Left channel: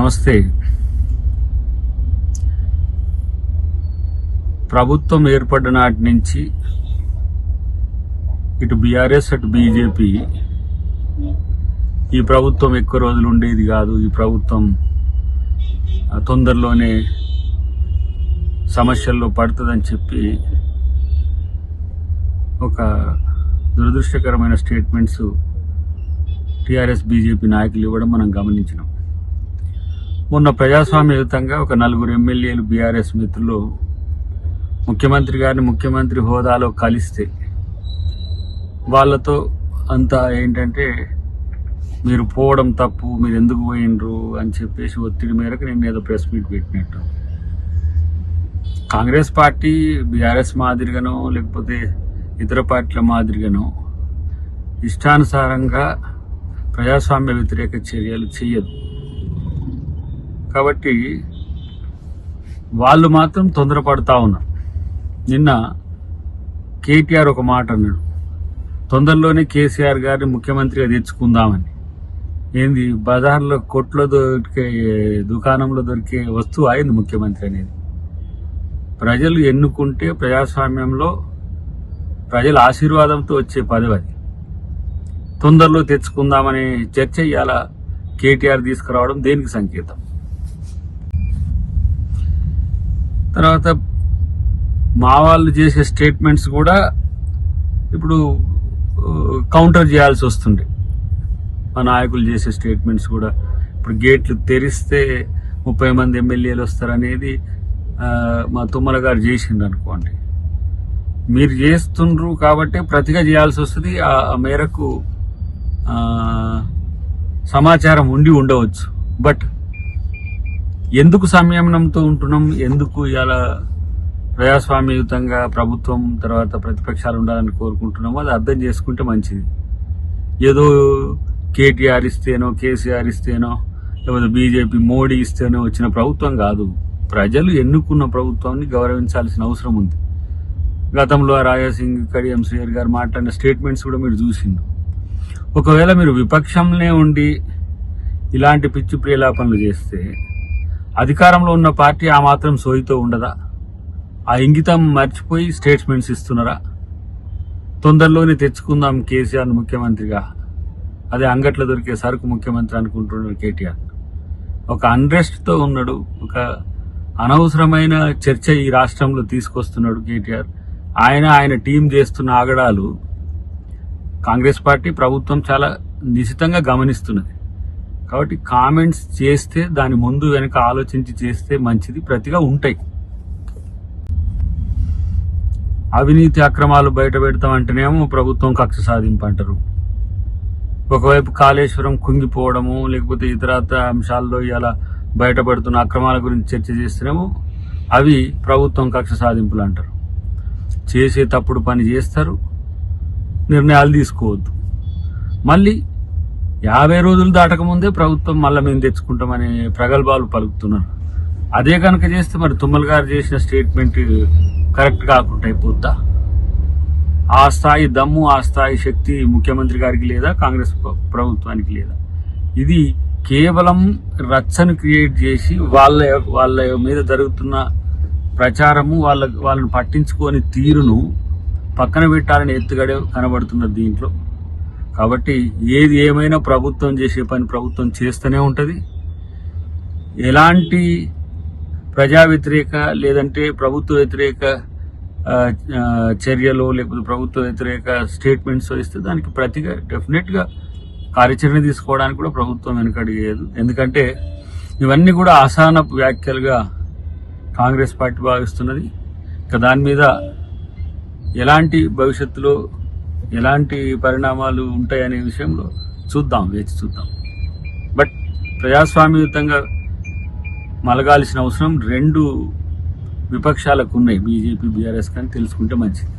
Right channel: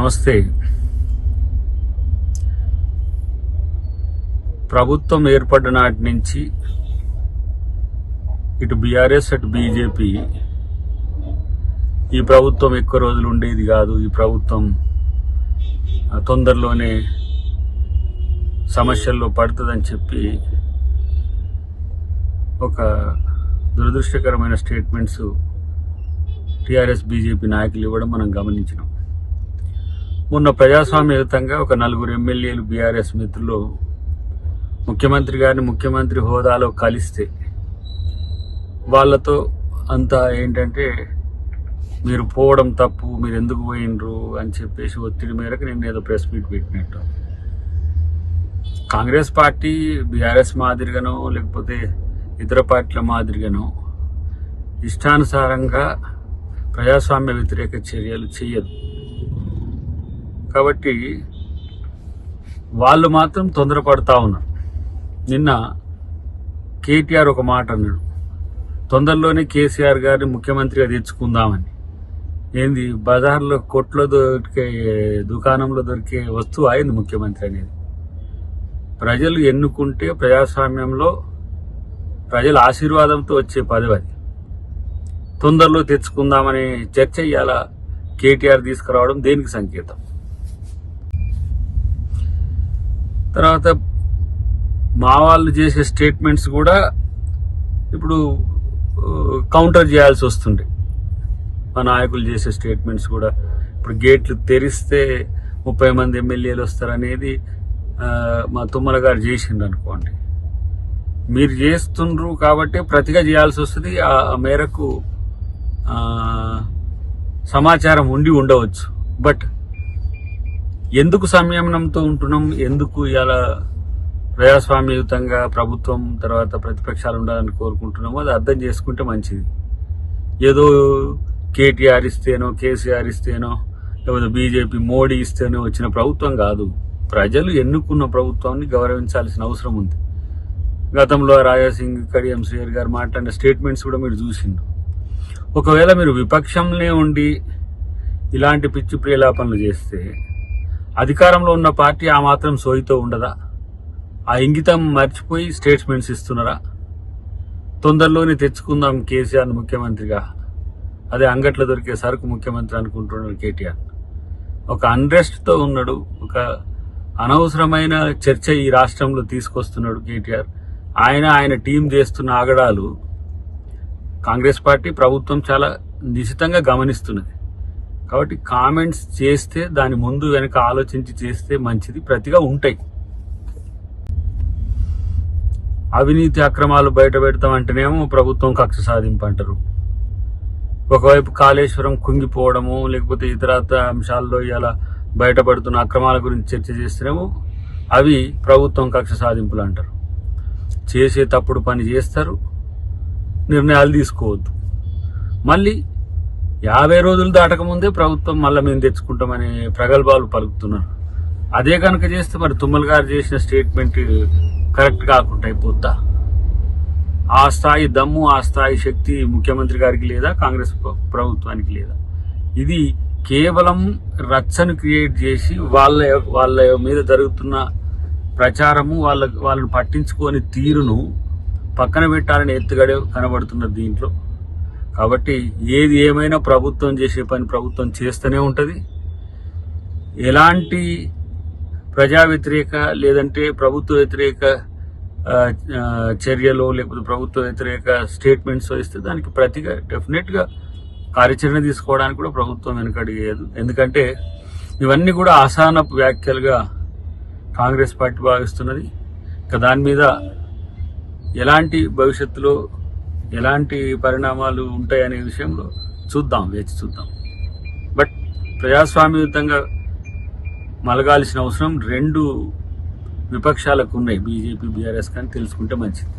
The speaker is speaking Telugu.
నమస్తే. ప్రభుత్వం ఏర్పడ్డ నాటి నుంచి ఇటు బీఆర్ఎస్ అటు బీజేపీ ఈ ప్రభుత్వం ఎక్కువ రోజులు ఉండేది కాదు, ఈ ప్రభుత్వం తొందరలోనే సమస్యల్లో పడుతుందని చెప్పి ఒక దురదృష్టకరమైన స్టేట్మెంట్స్ టీఆర్ఎస్ బీజేపీ నాయకులు ఇవ్వడం మనం గమనించినాం. మొన్న ప్రజాస్వామ్యయుతంగా ఒక 4 ఎమ్మెల్యేలు బీఆర్ఎస్ మిత్రులు ముఖ్యమంత్రి గారిని ముఖ్యమంత్రి హోదాలో కలిస్తే వాళ్లతో అంతా ఏంటంటే మీరు పోవడం తప్పు, మీరు ఎందుకు పోయినరు అని చెప్పేసి ఒత్తిడి మేరకు నేను ఏదో ప్రెస్ మీట్ పెట్టినట్టు. కాంగ్రెస్ పార్టీ బీఆర్ఎస్ మాదిరిగానో లేకపోతే ఇతర పార్టీల మాదిరిగానో ఇష్టానుసారంగా ప్రజాస్వామ్య వ్యతిరేక చర్యలు చేయదు. కాబట్టి వాళ్ళు మాత్రం తొందరపడతా ఉన్నారు. నిన్న కేటీఆర్ ఒక మాట అన్నాడు, తొందరలోనే కేసీఆర్ గారిని ముఖ్యమంత్రిగా తెచ్చుకుందామని. ఏంది బజార్లో కొట్లో దొరికే దుకాణంలో దొరికే వస్తువు అయింది ముఖ్యమంత్రి అనేది. ప్రజలు ఎన్నుకుంటే ప్రజాస్వామ్యంలో ప్రజల ఆశీర్వాదంతో వచ్చే పదవి అది. తొందరలో తెచ్చుకుందామనే చర్చ ఇవాళ కేటీఆర్ తీసుకురావడం దేనికి సంకేతం? తర్వాత మా వాళ్ళు చేసే స్టేట్మెంట్స్ కూడా ఇప్పుడు కౌంటర్ చేయాల్సి వస్తుంది. మా నాయకులు చేసే స్టేట్మెంట్స్ కూడా ఇప్పుడు గేట్లు తెరిస్తే 30 మంది ఎమ్మెల్యేలు వస్తారనేది మా తుమ్మల గారు చేసిండు అనుకోండి. మీరు చేస్తుండ్రు కాబట్టి ప్రతిగా చేయాల్సి వస్తుంది. ఆ మేరకు సమాచారం ఉండి ఉండవచ్చు. బట్ ఎందుకు సంయమనంతో ఉంటున్నాం, ఎందుకు ఇలా ప్రజాస్వామ్యయుతంగా ప్రభుత్వం తర్వాత ప్రతిపక్షాలు ఉండాలని కోరుకుంటున్నామో అది అర్థం చేసుకుంటే మంచిది. ఏదో కేటీఆర్ ఇస్తేనో కేసీఆర్ ఇస్తేనో లేకపోతే బీజేపీ మోడీ ఇస్తేనో వచ్చిన ప్రభుత్వం కాదు. ప్రజలు ఎన్నుకున్న ప్రభుత్వాన్ని గౌరవించాల్సిన అవసరం ఉంది. గతంలో రాజాసింగ్ కడియం శ్రీహరి గారు మాట్లాడిన స్టేట్మెంట్స్ కూడా మీరు చూసిండ్రు. ఒకవేళ మీరు విపక్షంలో ఉండి ఇలాంటి పిచ్చి ప్రేలాపనలు చేస్తే అధికారంలో ఉన్న పార్టీ ఆ మాత్రం సోయితో ఉండదా? ఆ ఇంగితం మర్చిపోయి స్టేట్మెంట్స్ ఇస్తున్నారా? తొందరలోనే తెచ్చుకుందాం కేసీఆర్ ముఖ్యమంత్రిగా, అదే అంగట్లో దొరికే సరుకు ముఖ్యమంత్రి అనుకుంటున్నాడు కేటీఆర్. ఒక అన్రెస్ట్ తో ఉన్నాడు, ఒక అనవసరమైన చర్చ ఈ రాష్ట్రంలో తీసుకొస్తున్నాడు కేటీఆర్. ఆయన టీం చేస్తున్న ఆగడాలు కాంగ్రెస్ పార్టీ ప్రభుత్వం చాలా నిశితంగా గమనిస్తున్నది. కాబట్టి కామెంట్స్ చేస్తే దాని ముందు వెనక ఆలోచించి చేస్తే మంచిది, ప్రతిగా ఉంటాయి. అవినీతి అక్రమాలు బయట పెడతామంటేనేమో ప్రభుత్వం కక్ష సాధింపు అంటారు. ఒకవైపు కాళేశ్వరం కుంగిపోవడము లేకపోతే ఇతరత్ర అంశాల్లో ఇలా బయటపడుతున్న అక్రమాల గురించి చర్చ చేస్తేనేమో అవి ప్రభుత్వం కక్ష సాధింపులు అంటారు. చేసే తప్పుడు పని చేస్తారు, నిర్ణయాలు తీసుకోవద్దు. మళ్ళీ 50 రోజులు దాటకముందే ప్రభుత్వం మళ్ళీ మేము తెచ్చుకుంటామనే ప్రగల్భాలు పలుకుతున్నారు. అదే కనుక చేస్తే మరి తుమ్మల గారు చేసిన స్టేట్మెంట్ కరెక్ట్ కాకుండా అయిపోద్దా? ఆ స్థాయి దమ్ము, ఆ స్థాయి శక్తి ముఖ్యమంత్రి గారికి లేదా, కాంగ్రెస్ ప్రభుత్వానికి లేదా? ఇది కేవలం రచ్చను క్రియేట్ చేసి వాళ్ళ మీద జరుగుతున్న ప్రచారము, వాళ్ళని పట్టించుకోని తీరును పక్కన పెట్టాలని ఎత్తుగడే కనబడుతున్నది దీంట్లో. కాబట్టి ఏది ఏమైనా ప్రభుత్వం చేసే పని ప్రభుత్వం చేస్తూనే ఉంటది. ఎలాంటి ప్రజా వ్యతిరేక లేదంటే ప్రభుత్వ వ్యతిరేక చర్యలు లేకపోతే ప్రభుత్వ వ్యతిరేక స్టేట్మెంట్స్ ఇస్తే దానికి ప్రతిగా డెఫినెట్ గా కార్యాచరణ తీసుకోవడానికి కూడా ప్రభుత్వం వెనుకడిగేది. ఎందుకంటే ఇవన్నీ కూడా అసహనపు వ్యాఖ్యలుగా కాంగ్రెస్ పార్టీ భావిస్తున్నది. ఇక దాని మీద ఎలాంటి భవిష్యత్తులో ఎలాంటి పరిణామాలు ఉంటాయనే విషయంలో వేచి చూద్దాం. బట్ ప్రజాస్వామ్యయుతంగా మలగాల్సిన అవసరం 2 విపక్షాలకు ఉన్నాయి, బీజేపీ బీఆర్ఎస్ కానీ తెలుసుకుంటే మంచిది.